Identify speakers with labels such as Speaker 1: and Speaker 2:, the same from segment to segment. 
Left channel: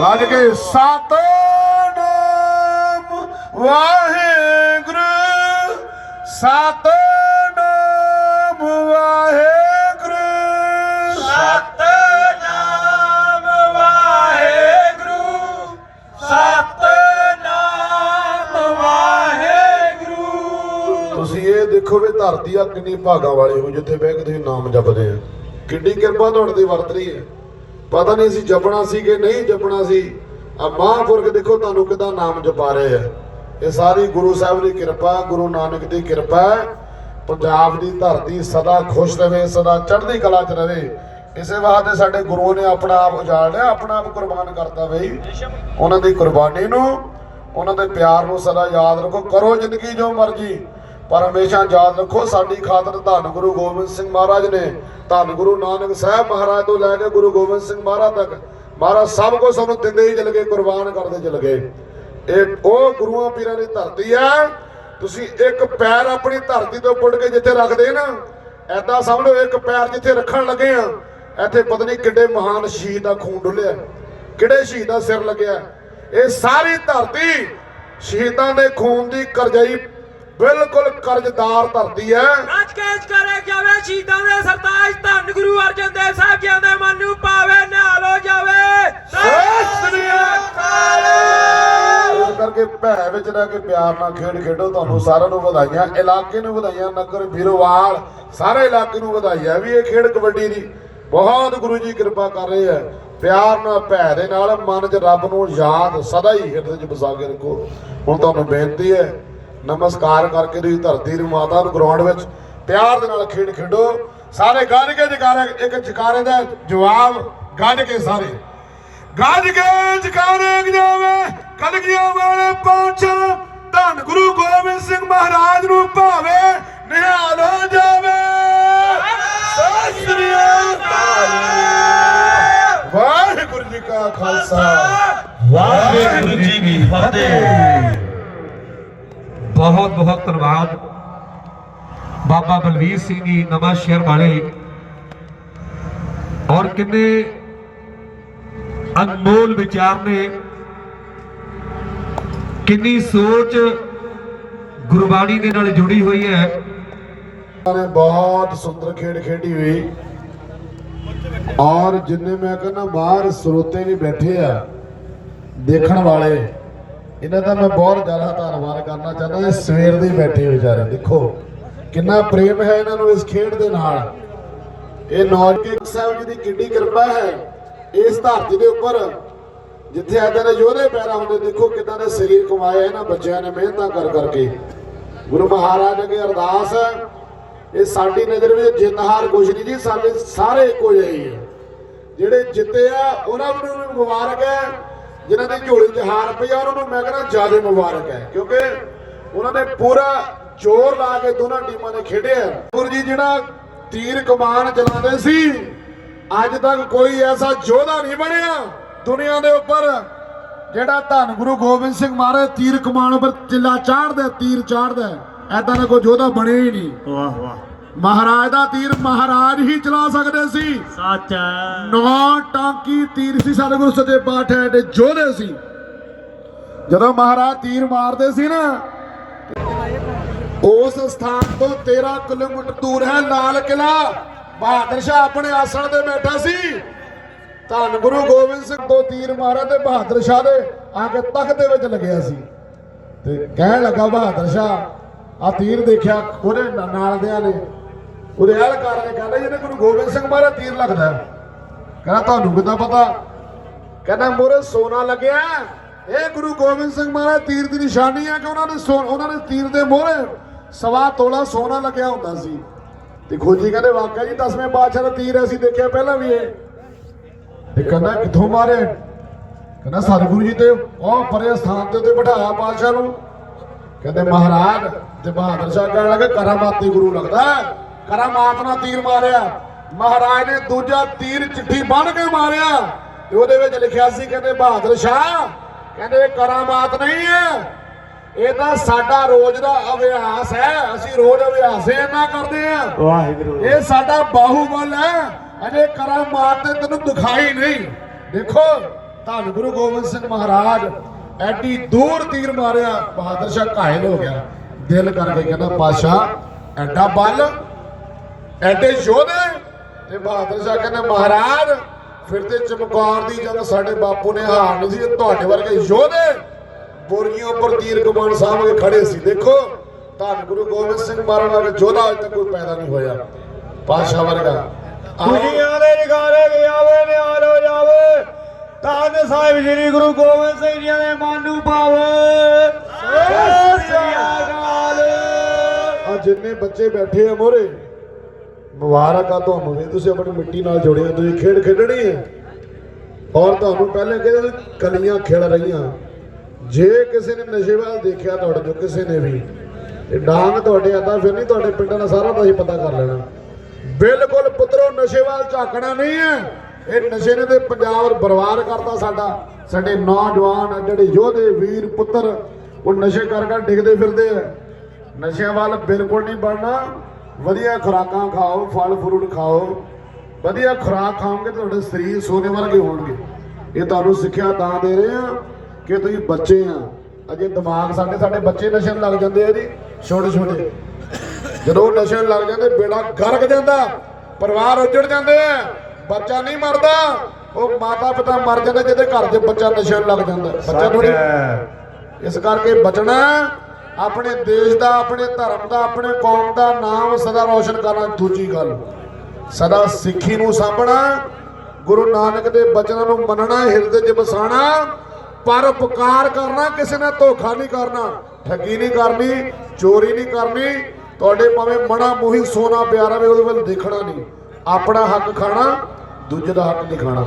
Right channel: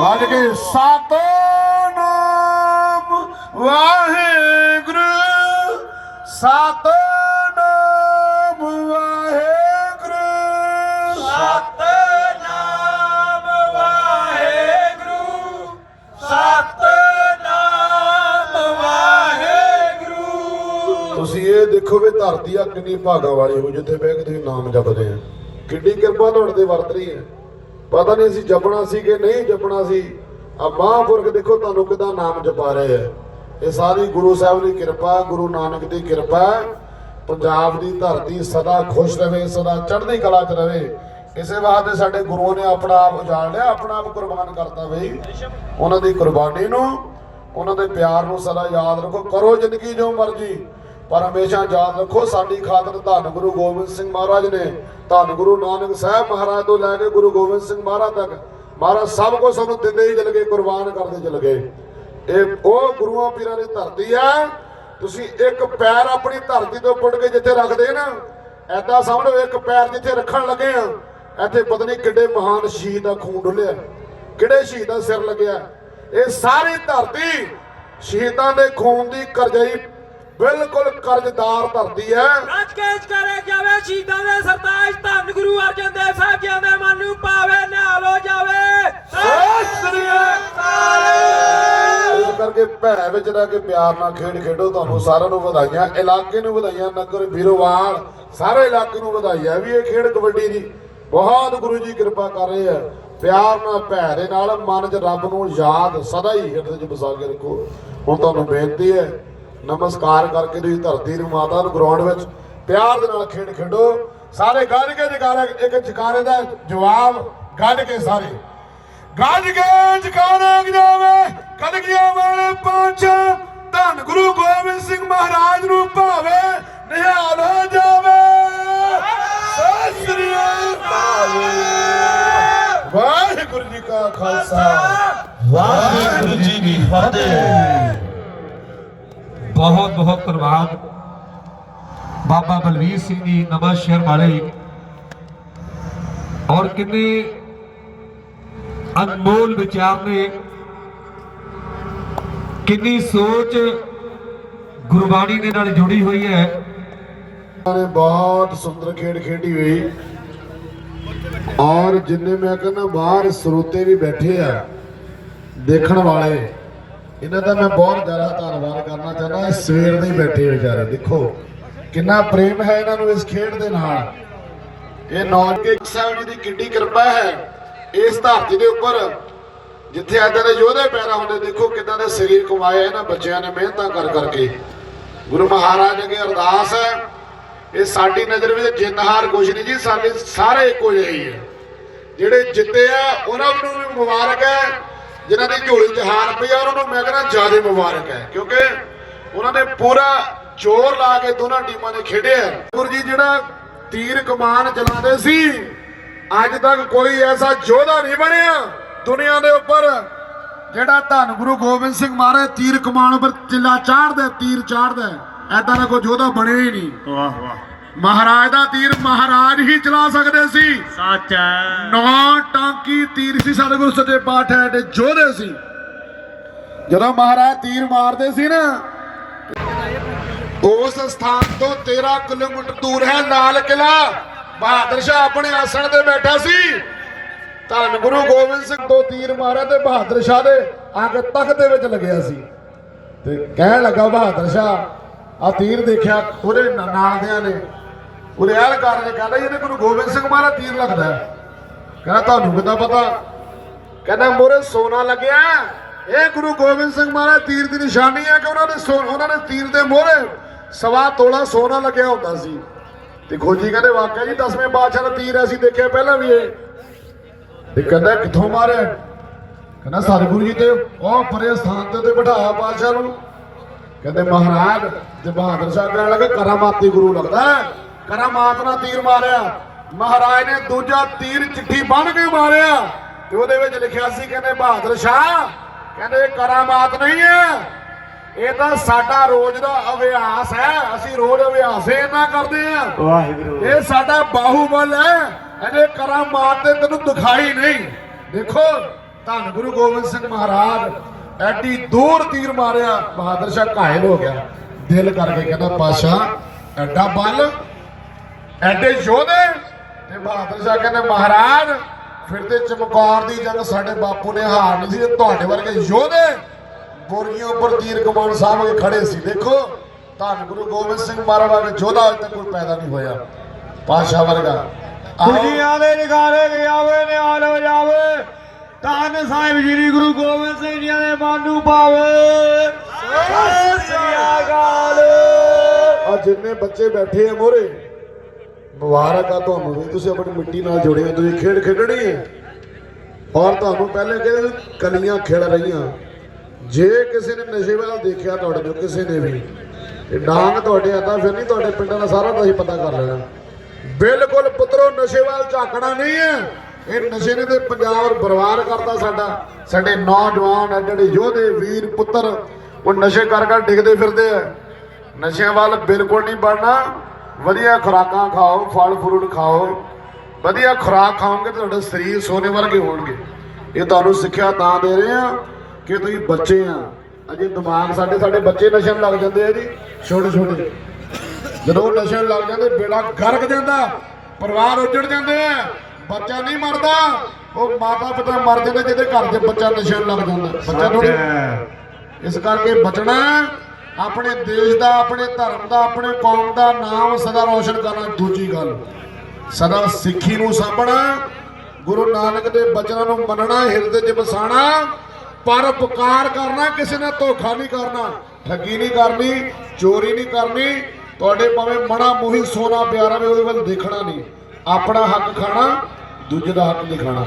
Speaker 1: ਗੱਜ ਕੇ ਸਤਨਾਮ ਵਾਹਿਗੁਰੂ। ਸਤਨਾਮ ਵਾਹਿਗੁਰੂ।
Speaker 2: ਸਤਨਾਮ ਵਾਹਿਗੁਰੂ। ਸਤਨਾਮ ਵਾਹਿਗੁਰੂ।
Speaker 1: ਤੁਸੀਂ ਇਹ ਦੇਖੋ ਵੀ ਧਰਤੀ ਆ ਕਿੰਨੀ ਭਾਗਾ ਵਾਲੀ ਹੋ ਜਿੱਥੇ ਬਹਿ ਕੇ ਤੁਸੀਂ ਨਾਮ ਜਪਦੇ ਆ। ਕਿੰਨੀ ਕਿਰਪਾ ਤੁਹਾਡੇ ਵਰਤ ਰਹੀ ਹੈ। ਪਤਾ ਨਹੀਂ ਸੀ ਜਪਣਾ ਸੀ ਕਿ ਨਹੀਂ ਜਪਣਾ ਸੀ। ਆ ਮਹਾਂਪੁਰਖ ਦੇਖੋ ਤੁਹਾਨੂੰ ਕਿਦਾਂ ਨਾਮ ਜਪਾ ਰਹੇ ਆ। ਇਹ ਸਾਰੀ ਗੁਰੂ ਸਾਹਿਬ ਦੀ ਕਿਰਪਾ, ਗੁਰੂ ਨਾਨਕ ਦੀ ਕਿਰਪਾ ਪੰਜਾਬ ਦੀ ਧਰਤੀ ਸਦਾ ਖੁਸ਼ ਰਹੇ, ਸਦਾ ਚੜ੍ਹਦੀ ਕਲਾ 'ਚ ਰਹੇ। ਇਸੇ ਵਾਸਤੇ ਸਾਡੇ ਗੁਰੂ ਨੇ ਆਪਣਾ ਆਪ ਉਜਾੜ ਲਿਆ, ਆਪਣਾ ਆਪ ਕੁਰਬਾਨ ਕਰਤਾ ਬਈ। ਉਹਨਾਂ ਦੀ ਕੁਰਬਾਨੀ ਨੂੰ, ਉਹਨਾਂ ਦੇ ਪਿਆਰ ਨੂੰ ਸਦਾ ਯਾਦ ਰੱਖੋ, ਕਰੋ ਜ਼ਿੰਦਗੀ ਜੋ ਮਰਜ਼ੀ। ਪਰ ਹਮੇਸ਼ਾ ਯਾਦ ਰੱਖੋ, ਸਾਡੀ ਖਾਤਰ ਧੰਨ ਗੁਰੂ ਗੋਬਿੰਦ ਸਿੰਘ ਮਹਾਰਾਜ ਨੇ ਧੰਨ ਗੁਰੂ ਨਾਨਕ ਸਾਹਿਬ ਮਹਾਰਾਜ ਤੋਂ ਲੈ ਕੇ ਗੁਰੂ ਗੋਬਿੰਦ ਸਿੰਘ ਮਹਾਰਾਜ ਤੱਕ, ਮਹਾਰਾਜ ਸਭ ਕੁਝ ਸਾਨੂੰ ਦਿੰਦੇ ਹੀ ਚਲ ਗਏ, ਕੁਰਬਾਨ ਕਰਦੇ ਚਲ ਗਏ। ਇਹ ਉਹ ਗੁਰੂਆਂ ਪੀਰਾਂ ਦੀ ਧਰਤੀ ਆ, ਤੁਸੀਂ ਇੱਕ ਪੈਰ ਆਪਣੀ ਧਰਤੀ ਤੋਂ ਪੁੱਟ ਕੇ ਜਿੱਥੇ ਰੱਖਦੇ ਨਾ ਐਦਾਂ ਸਮਝੋ ਇੱਕ ਪੈਰ ਜਿੱਥੇ ਰੱਖਣ ਲੱਗੇ ਆ, ਇੱਥੇ ਪਤਾ ਨਹੀਂ ਕਿੱਡੇ ਮਹਾਨ ਸ਼ਹੀਦ ਦਾ ਖੂਨ ਡੁੱਲਿਆ, ਕਿਹੜੇ ਸ਼ਹੀਦ ਦਾ ਸਿਰ ਲੱਗਿਆ। ਇਹ ਸਾਰੀ ਧਰਤੀ ਸ਼ਹੀਦਾਂ ਦੇ ਖੂਨ ਦੀ ਕਰਜਾਈ ਬਿਲਕੁਲ ਕਰਜ਼ਦਾਰ ਧਰਤੀ ਹੈ।
Speaker 2: ਅੱਜ ਕੇ ਕਰੇ ਜਾਵੇ ਸ਼ਹੀਦਾਂ ਦੇ ਸਰਤਾਜ ਧੰਨ ਗੁਰੂ ਅਰਜਨ ਦੇਵ ਸਾਹਿਬ ਜੀ ਦੇ ਮਨ ਨੂੰ ਪਾਵੇ ਨਿਹਾਲ ਹੋ ਜਾਵੇ। ਸਤਿ ਸ੍ਰੀ ਅਕਾਲ।
Speaker 1: ਇਸ ਕਰਕੇ ਭੈ ਵਿੱਚ ਰਹਿ ਕੇ ਪਿਆਰ ਨਾਲ ਖੇਡ ਖੇਡੋ ਤੁਹਾਨੂੰ ਸਾਰਿਆਂ ਨੂੰ ਵਧਾਈਆਂ ਇਲਾਕੇ ਨੂੰ ਵਧਾਈਆਂ ਨਗਰ ਵੀਰੋਵਾਲ ਸਾਰੇ ਇਲਾਕੇ ਨੂੰ ਵਧਾਈਆਂ ਵੀ ਇਹ ਖੇਡ ਕਬੱਡੀ ਦੀ ਬਹੁਤ ਗੁਰੂ ਜੀ ਕਿਰਪਾ ਕਰ ਰਹੇ ਆ ਪਿਆਰ ਨਾਲ ਭੈ ਦੇ ਨਾਲ ਮਨ 'ਚ ਰੱਬ ਨੂੰ ਯਾਦ ਸਦਾ ਹੀ ਹਿਰਦੇ 'ਚ ਵਸਾ ਕੇ ਰੱਖੋ। ਹੁਣ ਤੁਹਾਨੂੰ ਬੇਨਤੀ ਹੈ ਨਮਸਕਾਰ ਕਰਕੇ ਤੁਸੀਂ ਧਰਤੀ ਨੂੰ ਮਾਤਾ ਨੂੰ ਗਰਾਊਂਡ ਵਿੱਚ ਪਿਆਰ ਦੇ ਨਾਲ ਖੇਡ ਖੇਡੋ। ਸਾਰੇ ਗੱਜ ਕੇ ਜਕਾਰੇ ਇੱਕ ਜਕਾਰੇ ਦਾ ਜਵਾਬ ਗੱਜ ਕੇ ਸਾਰੇ। ਗੱਜ ਕੇ ਜਕਾਰੇ ਜਾਵੇ ਕਲਗੀਆਂ ਵਾਲੇ ਪੰਜ ਧੰਨ ਗੁਰੂ ਗੋਬਿੰਦ ਸਿੰਘ ਮਹਾਰਾਜ ਨੂੰ ਭਾਵੇ ਨਿਹਾਲ ਹੋ ਜਾਵੇ। ਸਤਿ ਵਾਹਿਗੁਰੂ ਜੀ ਕਾ ਖਾਲਸਾ।
Speaker 3: ਵਾਹਿਗੁਰੂ ਜੀ ਕੀ ਫਤਿਹ। ਬਹੁਤ ਬਹੁਤ ਧੰਨਵਾਦ। ਬਾਬਾ ਬਲਵੀਰ ਸਿੰਘ ਜੀ ਨਵਾਂ ਸ਼ਹਿਰ ਵਾਲੇ। ਔਰ ਕਿੰਨੇ ਅਨਮੋਲ ਵਿਚਾਰ ਨੇ। ਕਿੰਨੀ ਸੋਚ ਗੁਰਬਾਣੀ ਦੇ ਨਾਲ ਜੁੜੀ ਹੋਈ ਹੈ।
Speaker 1: ਨੇ ਬਹੁਤ ਸੁੰਦਰ ਖੇਡ ਖੇਡੀ ਹੋਈ। ਔਰ ਜਿੰਨੇ ਮੈਂ ਕਹਿੰਦਾ ਬਾਹਰ ਸਰੋਤੇ ਵੀ ਬੈਠੇ ਆ ਦੇਖਣ ਵਾਲੇ। ਇਹਨਾਂ ਦਾ ਮੈਂ ਬਹੁਤ ਜ਼ਿਆਦਾ ਧੰਨਵਾਦ ਕਰਨਾ ਚਾਹੁੰਦਾ, ਇਹ ਸਵੇਰ ਦੇ ਬੈਠੇ ਵਿਚਾਰੇ, ਦੇਖੋ। ਕਿੰਨਾ ਪ੍ਰੇਮ ਹੈ ਇਹਨਾਂ ਨੂੰ ਇਸ ਖੇਡ ਦੇ ਨਾਲ। ਇਹ ਨੌਜਵਾਨ ਸਾਹਿਬ ਜੀ ਦੀ ਕਿੱਡੀ ਕਿਰਪਾ ਹੈ, ਇਸ ਧਰਤੀ ਦੇ ਉੱਪਰ, ਜਿੱਥੇ ਏਦਾਂ ਦੇ ਯੋਧੇ ਪੈਦਾ ਹੁੰਦੇ, ਦੇਖੋ ਕਿੱਦਾਂ ਦੇ ਸਰੀਰ ਕਮਾਏ ਇਹਨਾਂ ਬੱਚਿਆਂ ਨੇ ਮਿਹਨਤਾਂ ਕਰ ਕਰਕੇ। ਗੁਰੂ ਮਹਾਰਾਜ ਅੱਗੇ ਅਰਦਾਸ ਹੈ, ਇਹ ਸਾਡੀ ਨਜ਼ਰ ਵਿੱਚ ਜਿੱਤ ਹਾਰ ਕੁਝ ਨਹੀਂ ਜੀ, ਸਾਡੇ ਸਾਰੇ ਇੱਕੋ ਜਿਹੇ ਹੀ ਹੈ। ਜਿਹੜੇ ਜਿੱਤੇ ਆ, ਉਹਨਾਂ ਨੂੰ ਵੀ ਮੁਬਾਰਕ ਹੈ ਜਿਨ੍ਹਾਂ ਦੀ ਝੋਲੀ 'ਚ ਹਾਰ ਪਈ ਆ, ਉਹਨਾਂ ਨੂੰ ਮੈਂ ਕਹਿੰਦਾ ਜ਼ਿਆਦਾ ਮੁਬਾਰਕ ਹੈ। ਕਿਉਂਕਿ ਉਹਨਾਂ ਨੇ ਪੂਰਾ ਜ਼ੋਰ ਲਾ ਕੇ ਦੋਨਾਂ ਟੀਮਾਂ ਨੇ ਖੇਡਿਆ ਗੁਰੂ ਜਿਹੜਾ ਤੀਰ ਕਮਾਨ ਚਲਾਉਂਦੇ ਸੀ, ਅੱਜ ਤੱਕ ਕੋਈ ਐਸਾ ਯੋਧਾ ਨਹੀਂ ਬਣਿਆ ਦੁਨੀਆ ਦੇ ਉੱਪਰ, ਜਿਹੜਾ ਧੰਨ ਗੁਰੂ ਗੋਬਿੰਦ ਸਿੰਘ ਮਹਾਰਾਜ ਤੀਰ ਕਮਾਨ ਉੱਪਰ ਚਿੱਲਾ ਚਾੜਦਾ, ਤੀਰ ਚਾੜਦਾ, ਐਦਾਂ ਦਾ ਕੋਈ ਯੋਧਾ ਬਣਿਆ ਹੀ ਨਹੀਂ।
Speaker 4: ਵਾਹ ਵਾਹ।
Speaker 1: ਮਹਾਰਾਜ ਦਾ ਤੀਰ ਮਹਾਰਾਜ ਹੀ ਚਲਾ ਸਕਦੇ ਸੀ।
Speaker 4: ਸੱਚ ਹੈ।
Speaker 1: ਨਵਾਂ ਟਾਂਕੀ ਤੀਰ ਸੀ ਸਤਿਗੁਰੂ ਸੱਚੇ ਪਾਤਸ਼ਾਹ ਦੇ ਜੋਧੇ ਸੀ। ਜਦੋਂ ਮਹਾਰਾਜ ਤੀਰ ਮਾਰਦੇ ਸੀ ਨਾ ਉਸ ਸਥਾਨ ਤੋਂ 13 ਕਿਲੋਮੀਟਰ ਦੂਰ ਹੈ ਲਾਲ ਕਿਲਾ ਬਹਾਦਰ ਸ਼ਾਹ ਆਪਣੇ ਆਸਣ ਤੇ ਬੈਠਾ ਸੀ। ਧੰਨ ਗੁਰੂ ਗੋਬਿੰਦ ਸਿੰਘ ਤੋਂ ਤੀਰ ਮਾਰਿਆ ਤੇ ਬਹਾਦਰ ਸ਼ਾਹ ਦੇ ਆ ਕੇ ਤਖਤ ਦੇ ਵਿੱਚ ਲੱਗਿਆ ਸੀ। ਤੇ ਕਹਿਣ ਲੱਗਾ ਬਹਾਦਰ ਸ਼ਾਹ ਆ ਤੀਰ ਦੇਖਿਆ ਉਹਦੇ ਨਾ- ਨਾਲ ਦਿਆਂ ਨੇ। ਉਹਦੇ ਅਹਿਲਕਾਰ ਨੇ ਕਹਿੰਦਾ ਇਹਨੇ ਗੁਰੂ ਗੋਬਿੰਦ ਸਿੰਘ ਮਹਾਰਾਜ ਤੀਰ ਲੱਗਦਾ। ਕਹਿੰਦਾ ਤੁਹਾਨੂੰ ਕਿੱਦਾਂ ਪਤਾ? ਕਹਿੰਦਾ, ਮੋਰੇ ਸੋਨਾ ਲੱਗਿਆ। ਇਹ ਗੁਰੂ ਗੋਬਿੰਦ ਸਿੰਘ ਮਹਾਰਾਜ ਤੀਰ ਦੀ ਨਿਸ਼ਾਨੀ ਹੈ ਕਿ ਉਹਨਾਂ ਨੇ ਸੋ- ਉਹਨਾਂ ਨੇ ਤੀਰ ਦੇ ਮੋਹਰੇ ਸਵਾ ਤੋਲਾ ਸੋਨਾ ਲੱਗਿਆ ਹੁੰਦਾ ਸੀ। ਤੇ ਖੋਜੀ ਕਹਿੰਦੇ ਵਾਕਿਆ ਜੀ ਦਸਵੇਂ ਪਾਤਸ਼ਾਹ ਦਾ ਤੀਰ ਅਸੀਂ ਦੇਖਿਆ ਪਹਿਲਾਂ ਵੀ ਇਹ। ਤੇ ਕਹਿੰਦਾ, ਕਿੱਥੋਂ ਮਾਰਿਆ? ਕਹਿੰਦਾ, ਸਤਿਗੁਰੂ ਜੀ ਤੇ ਉਹ ਪਰੇ ਸਥਾਨ ਤੇ ਉੱਤੇ ਬਿਠਾਇਆ ਪਾਤਸ਼ਾਹ ਨੂੰ। ਕਹਿੰਦੇ, ਮਹਾਰਾਜ ਤੇ ਬਹਾਦਰ ਸਾਹਿਬ ਕਹਿਣ ਲੱਗੇ, ਕਰਾਮਾਤੀ ਗੁਰੂ ਲੱਗਦਾ ਕਰਾਮਾਤ ਨਾਲ ਤੀਰ ਮਾਰਿਆ। ਮਹਾਰਾਜ ਨੇ ਦੂਜਾ ਤੀਰ ਚਿੱਠੀ ਬਣ ਕੇ ਮਾਰਿਆ। ਤੇ ਉਹਦੇ ਵਿੱਚ ਲਿਖਿਆ ਸੀ ਕਹਿੰਦੇ ਬਹਾਦਰ ਸ਼ਾਹ ਕਹਿੰਦੇ ਕਰਾਮਾਤ ਨਹੀਂ ਹੈ। ਇਹ ਤਾਂ ਸਾਡਾ ਰੋਜ਼ ਦਾ ਅਭਿਆਸ ਹੈ। ਅਸੀਂ ਰੋਜ਼ ਅਭਿਆਸ ਇਹਨਾਂ ਕਰਦੇ ਆ
Speaker 4: ਵਾਹਿਗੁਰੂ।
Speaker 1: ਇਹ ਸਾਡਾ ਬਾਹੂਬਲ ਹੈ। ਇਹਦੇ ਕਰਾਮਾਤ ਤੇ ਤੈਨੂੰ ਦਿਖਾਈ ਨਹੀਂ। ਦੇਖੋ ਧੰਨ ਗੁਰੂ ਗੋਬਿੰਦ ਸਿੰਘ ਮਹਾਰਾਜ ਐਡੀ ਦੂਰ ਤੀਰ ਮਾਰਿਆ। ਬਹਾਦਰ ਸ਼ਾਹ ਘਾਇਲ ਹੋ ਗਿਆ। ਦਿਲ ਕਰਕੇ ਕਹਿੰਦਾ ਪਾਸ਼ਾ ਐਡਾ ਬਲ ਐਡੇ ਯੋਧੇ? ਤੇ ਬਹਾਦਰ ਸ਼ਾਹ ਕਹਿੰਦੇ ਮਹਾਰਾਜ ਫਿਰ ਤੇ ਚਮਕੌਰ ਦੀ ਜੰਗ ਸਾਡੇ ਬਾਪੂ ਨੇ ਹਾਰ ਨਹੀਂ ਸੀ ਤੁਹਾਡੇ ਵਰਗੇ ਯੋਧੇ ਬੋਰੀਆਂ ਉੱਪਰ ਤੀਰ ਕਮਾਨ ਸਾਹਮਣੇ ਖੜੇ ਸੀ। ਦੇਖੋ ਧੰਨ ਗੁਰੂ ਗੋਬਿੰਦ ਸਿੰਘ ਮਹਾਰਾਜ ਵਰਗੇ ਯੋਧਾ ਅੱਜ ਤੱਕ ਕੋਈ ਪੈਦਾ ਨਹੀਂ ਹੋਇਆ। ਪਾਸ਼ਾ ਵਰਗਾ।
Speaker 2: ਦੁਨੀਆ ਦੇ ਨਿਗਾਰੇ ਵੀ ਆਵੇ ਨਿਹਾਲ ਹੋ ਜਾਵੇ। ਧੰਨ ਸਾਹਿਬ ਸ੍ਰੀ ਗੁਰੂ ਗੋਬਿੰਦ ਸਿੰਘ ਜੀ ਦੇ ਮਨ ਨੂੰ ਪਾਵੇ। ਸਤਿ ਸ੍ਰੀ ਅਕਾਲ।
Speaker 1: ਆ ਜਿੰਨੇ ਬੱਚੇ ਬੈਠੇ ਆ ਮੋਰੇ ਮੁਬਾਰਕ ਆ ਤੁਹਾਨੂੰ ਵੀ। ਤੁਸੀਂ ਆਪਣੀ ਮਿੱਟੀ ਨਾਲ ਜੁੜੇ ਹੋ, ਤੁਸੀਂ ਖੇਡ ਖੇਡਣੀ ਹੈ। ਔਰ ਤੁਹਾਨੂੰ ਪਹਿਲੇ ਕਹਿੰਦੇ ਕਲੀਆਂ ਖੇਡ ਰਹੀਆਂ? ਜੇ ਕਿਸੇ ਨੇ ਨਸ਼ੇ ਵੱਲ ਦੇਖਿਆ ਤੁਹਾਡੇ ਜੋ ਕਿਸੇ ਨੇ ਵੀ। ਇਹ ਡਾਂਗ ਤੁਹਾਡੇ ਆਂਦਾ ਫਿਰ ਨਹੀਂ ਤੁਹਾਡੇ ਪਿੰਡਾਂ ਦਾ ਸਾਰਾ ਤੁਸੀਂ ਪਤਾ ਕਰ ਲੈਣਾ। ਬਿਲਕੁਲ ਪੁੱਤਰੋ, ਨਸ਼ੇ ਵੱਲ ਝਾਕਣਾ ਨਹੀਂ ਹੈ। ਇਹ ਨਸ਼ੇ ਨੇ ਤੇ ਪੰਜਾਬ ਬਰਬਾਦ ਕਰਤਾ ਸਾਡਾ। ਸਾਡੇ ਨੌਜਵਾਨ ਜਿਹੜੇ ਯੋਧੇ, ਵੀਰ, ਪੁੱਤਰ, ਉਹ ਨਸ਼ੇ ਕਰ ਕਰ ਡਿੱਗਦੇ ਫਿਰਦੇ ਆ। ਨਸ਼ਿਆਂ ਵੱਲ ਬਿਲਕੁਲ ਨਹੀਂ ਬਣਨਾ ਵਧੀਆ ਖੁਰਾਕਾਂ ਖਾਓ ਫਲ ਫਰੂਟ ਖਾਓ। ਵਧੀਆ ਖੁਰਾਕ ਖਾਓਗੇ ਤਾਂ ਤੁਹਾਡੇ ਸਰੀਰ ਸੋਨੇ ਵਰਗੇ ਹੋਣਗੇ। ਇਹ ਤੁਹਾਨੂੰ ਸਿੱਖਿਆ ਤਾਂ ਦੇ ਰਹੇ ਆ ਕਿ ਤੁਸੀਂ ਬੱਚੇ ਆ ਅਜੇ ਦਿਮਾਗ ਸਾਡੇ ਸਾਡੇ ਬੱਚੇ ਨਸ਼ੇ ਲੱਗ ਜਾਂਦੇ ਆ ਜੀ। ਛੋਟੇ ਛੋਟੇ। ਜਦੋਂ ਨਸ਼ੇ ਲੱਗ ਜਾਂਦੇ ਬੇੜਾ ਗਰਕ ਜਾਂਦਾ ਪਰਿਵਾਰ ਉੱਜੜ ਜਾਂਦੇ ਆ। ਬੱਚਾ ਨਹੀਂ ਮਰਦਾ ਉਹ ਮਾਤਾ ਪਿਤਾ ਮਰ ਜਾਂਦੇ ਜਿਹਦੇ ਘਰ 'ਚ ਬੱਚਾ ਨਸ਼ੇ ਲੱਗ ਜਾਂਦਾ। ਬੱਚਾ ਥੋੜੀ ਇਸ ਕਰਕੇ ਬਚਣਾ ਆਪਣੇ ਦੇਸ਼ ਦਾ, ਆਪਣੇ ਧਰਮ ਦਾ, ਆਪਣੇ ਕੌਮ ਦਾ ਨਾਮ ਸਦਾ ਰੋਸ਼ਨ ਕਰਨਾ ਦੂਜੀ ਗੱਲ। ਸਦਾ ਸਿੱਖੀ ਨੂੰ ਸਾਂਭਣਾ, ਗੁਰੂ ਨਾਨਕ ਦੇ ਬਚਨਾਂ ਨੂੰ ਮੰਨਣਾ, ਹਿਰਦੇ 'ਚ ਵਸਾਣਾ ਪਰਉਪਕਾਰ ਕਰਨਾ, ਕਿਸੇ ਨਾਲ ਧੋਖਾ ਨਹੀਂ ਕਰਨਾ, ਠੱਗੀ ਨਹੀਂ ਕਰਨੀ, ਚੋਰੀ ਨਹੀਂ ਕਰਨੀ, ਤੁਹਾਡੇ ਭਾਵੇਂ ਮਣਾ ਮੋਹੀ ਸੋਨਾ ਪਿਆਰਾ ਵੀ ਉਹਦੇ ਵੱਲ ਦੇਖਣਾ ਨਹੀਂ। ਆਪਣਾ ਹੱਕ ਖਾਣਾ, ਦੂਜੇ ਦਾ ਹੱਕ ਨਹੀਂ ਖਾਣਾ।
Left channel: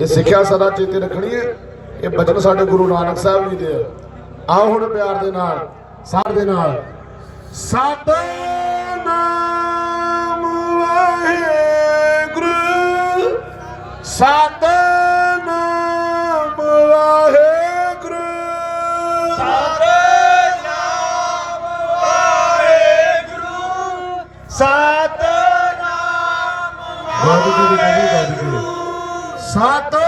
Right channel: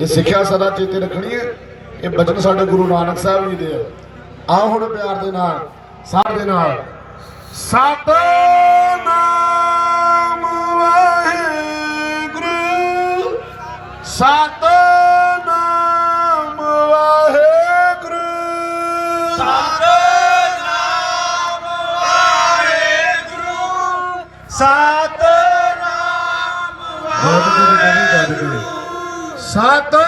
Speaker 1: ਇਹ ਸਿੱਖਿਆ ਸਦਾ ਚੇਤੇ ਰੱਖਣੀ ਹੈ। ਇਹ ਬਚਨ ਸਾਡੇ ਗੁਰੂ ਨਾਨਕ ਸਾਹਿਬ ਜੀ ਦੇ ਹੈ। ਆਓ ਹੁਣ ਪਿਆਰ ਦੇ ਨਾਲ। ਸਾਰ ਦੇ ਨਾਲ। ਸਤਨਾਮ ਵਾਹਿਗੁਰੂ। ਸਤਨਾਮ ਵਾਹਿਗੁਰੂ।
Speaker 2: ਸਤਨਾਮ ਵਾਹਿਗੁਰੂ। ਸਤਨਾਮ
Speaker 1: ਵਾਹਿਗੁਰੂ। ਸਤਨਾਮ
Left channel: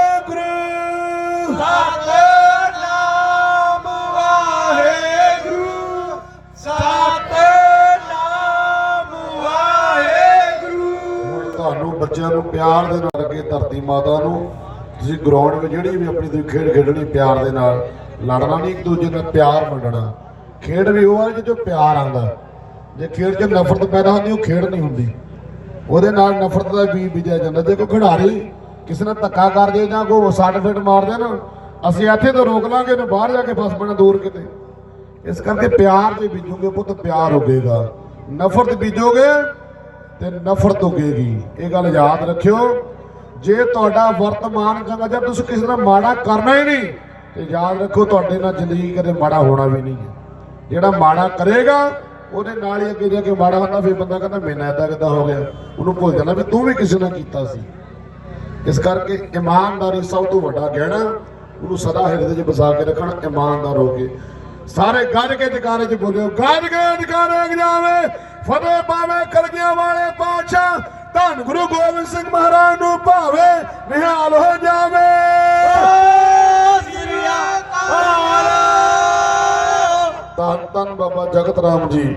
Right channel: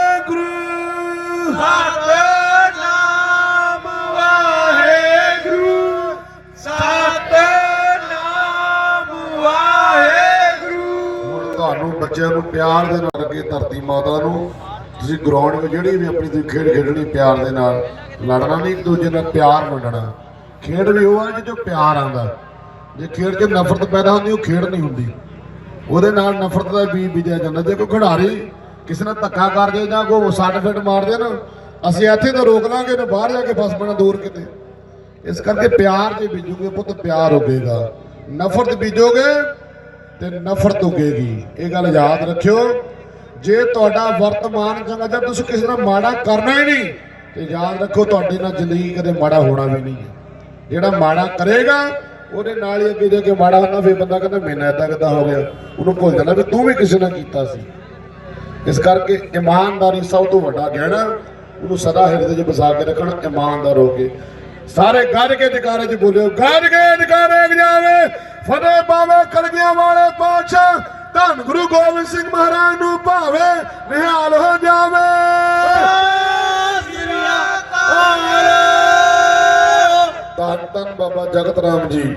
Speaker 1: ਬੱਚਿਆਂ ਨੂੰ ਪਿਆਰ ਦੇ ਨਾਲ ਅੱਗੇ ਧਰਤੀ ਮਾਤਾ ਨੂੰ, ਤੁਸੀਂ ਗਰਾਊਂਡ ਵਿੱਚ ਜਿਹੜੀ ਵੀ ਆਪਣੀ ਤੁਸੀਂ ਖੇਡ ਖੇਡਣੀ ਪਿਆਰ ਦੇ ਨਾਲ, ਲੜਨਾ ਨਹੀਂ ਇੱਕ ਦੂਜੇ ਨਾਲ ਪਿਆਰ ਵੰਡਣਾ। ਖੇਡ ਵੀ ਉਹ ਹੈ ਜਿਹਦੇ ਪਿਆਰ ਆਉਂਦਾ। ਜੇ ਖੇਡ 'ਚ ਨਫ਼ਰਤ ਪੈਦਾ ਹੁੰਦੀ, ਉਹ ਖੇਡ ਨਹੀਂ ਹੁੰਦੀ। ਉਹਦੇ ਨਾਲ ਨਫ਼ਰਤ ਦਾ ਬੀਜ ਬੀਜਿਆ ਜਾਂਦਾ। ਜੇ ਕੋਈ ਖਿਡਾਰੀ ਕਿਸੇ ਨਾਲ ਧੱਕਾ ਕਰ ਦੇ ਜਾਂ ਕੋਈ ਸੱਟ ਮਾਰ ਦੇ ਨਾ, ਅਸੀਂ ਇੱਥੇ ਤਾਂ ਰੋਕ ਲਾਂਗੇ ਨਾ ਬਾਹਰ ਜਾ ਕੇ ਫਸ ਪੈਣਾ ਦੂਰ ਕਿਤੇ। ਇਸ ਕਰਕੇ ਪਿਆਰ ਜੇ ਬੀਜੋਗੇ, ਪੁੱਤ ਪਿਆਰ ਹੋਵੇਗਾ ਨਫ਼ਰਤ ਬੀਜੋਗੇ ਤੇ ਨਫ਼ਰਤ ਉਗੇਗੀ ਇਹ ਗੱਲ ਯਾਦ ਰੱਖਿਓ। ਜੇ ਤੁਹਾਡਾ ਵਰਤਮਾਨ ਚੰਗਾ ਜਾਂ ਤੁਸੀਂ ਕਿਸੇ ਨਾਲ ਮਾੜਾ ਕਰਨਾ ਹੀ ਨਹੀਂ, ਤੇ ਯਾਦ ਰੱਖੋ ਤੁਹਾਡੇ ਨਾਲ ਜ਼ਿੰਦਗੀ ਕਦੇ ਮਾੜਾ ਹੋਣਾ ਵੀ ਨਹੀਂ ਹੈ। ਜਿਹੜਾ ਮਾੜਾ ਕਰੇਗਾ, ਉਹਦੇ ਨਾਲ ਹੀ ਅੱਗੇ ਜਾ ਕੇ ਮਾੜਾ ਹੁੰਦਾ, ਫਿਰ ਬੰਦਾ ਕਹਿੰਦਾ ਮੈਨਾਂ ਏਦਾਂ ਕਿੱਦਾਂ ਹੋ ਗਿਆ? ਉਹਨੂੰ ਭੁੱਲ ਜਾਂਦਾ ਵੀ ਤੂੰ ਵੀ ਕਿਸੇ ਨਾਲ ਕੀਤਾ ਸੀ। ਇਸ ਕਰਕੇ ਇਮਾਨਦਾਰੀ ਸਭ ਤੋਂ ਵੱਡਾ ਗਹਿਣਾ, ਉਹਨੂੰ ਸਦਾ ਹਿਰਦੇ 'ਚ ਬਸਾ ਕੇ ਰੱਖਣਾ, ਇਮਾਨਦਾਰ ਹੋ ਕੇ। ਸਾਰੇ ਗੱਜ ਕੇ ਜਕਾਰੇ 'ਚ ਬੋਲਿਓ ਗੱਜ ਕੇ ਜਕਾਰੇ ਜਾਵੇ? ਫਤਿਹ ਪਾਵੇ ਕਲਗੀਆਂ ਵਾਲੇ ਪਾਤਸ਼ਾਹ, ਧੰਨ ਗੁਰੂ ਗੋਬਿੰਦ ਸਿੰਘ ਮਹਾਰਾਜ ਨੂੰ ਭਾਵੇ ਨਿਹਾਲ ਹੋ ਜਾਵੇ। ਧੰਨ ਧੰਨ ਬਾਬਾ ਜਗਤ ਰਾਮ ਜੀ।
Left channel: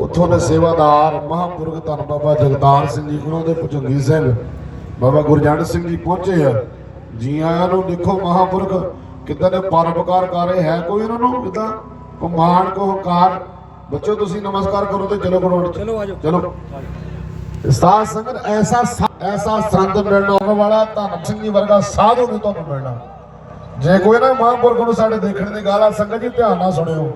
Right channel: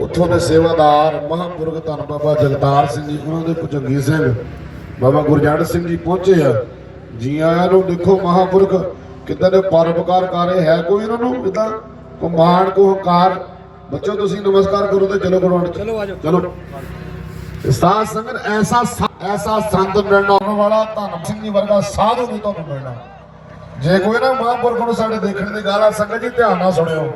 Speaker 1: ਉੱਥੋਂ ਦੇ ਸੇਵਾਦਾਰ, ਮਹਾਂਪੁਰਖ ਧੰਨ ਬਾਬਾ ਜਗਤਾਰ ਸਿੰਘ ਜੀ ਉਹਨਾਂ ਦੇ ਭੁਜੰਗੀ ਸਿੰਘ, ਬਾਬਾ ਗੁਰਜੰਡ ਸਿੰਘ ਜੀ ਪਹੁੰਚੇ ਆ। ਜੀਆਂ ਆਇਆਂ ਨੂੰ ਦੇਖੋ ਮਹਾਂਪੁਰਖ, ਕਿੱਦਾਂ ਦੇ ਪਰਉਪਕਾਰ ਕਰ ਰਹੇ ਹੈ, ਕੋਈ ਇਹਨਾਂ ਨੂੰ ਕਿਦਾਂ ਕੋ ਮਾਣ ਕੋ ਹੰਕਾਰ ਬੱਚੋ ਤੁਸੀਂ ਨਮਸਕਾਰ ਕਰੋ ਤੇ ਚਲੋ ਗੁਰੂ ਚਲੋ ਆਜੋ ਚਲੋ। ਸਾਧ ਸੰਗਤ ਐਸਾ ਐਸਾ ਸੰਤ ਮਿਲਣਾ ਉਹਨਾਂ ਵਾਲਾ ਧੰਨ ਸਿੰਘ ਜੀ ਵਰਗਾ ਸਾਧੂ ਨਹੀਂ ਤੁਹਾਨੂੰ ਮਿਲਣਾ। ਜੇ ਕੋਈ ਨਾ ਮਹਾਂਪੁਰਖ ਨੂੰ ਸਾਡੇ ਦੇਖਣ ਦੀ ਗੱਲ ਆ ਸੰਗਤ ਜੀ ਧਿਆਨ ਨਾਲ ਸੁਣਿਓ।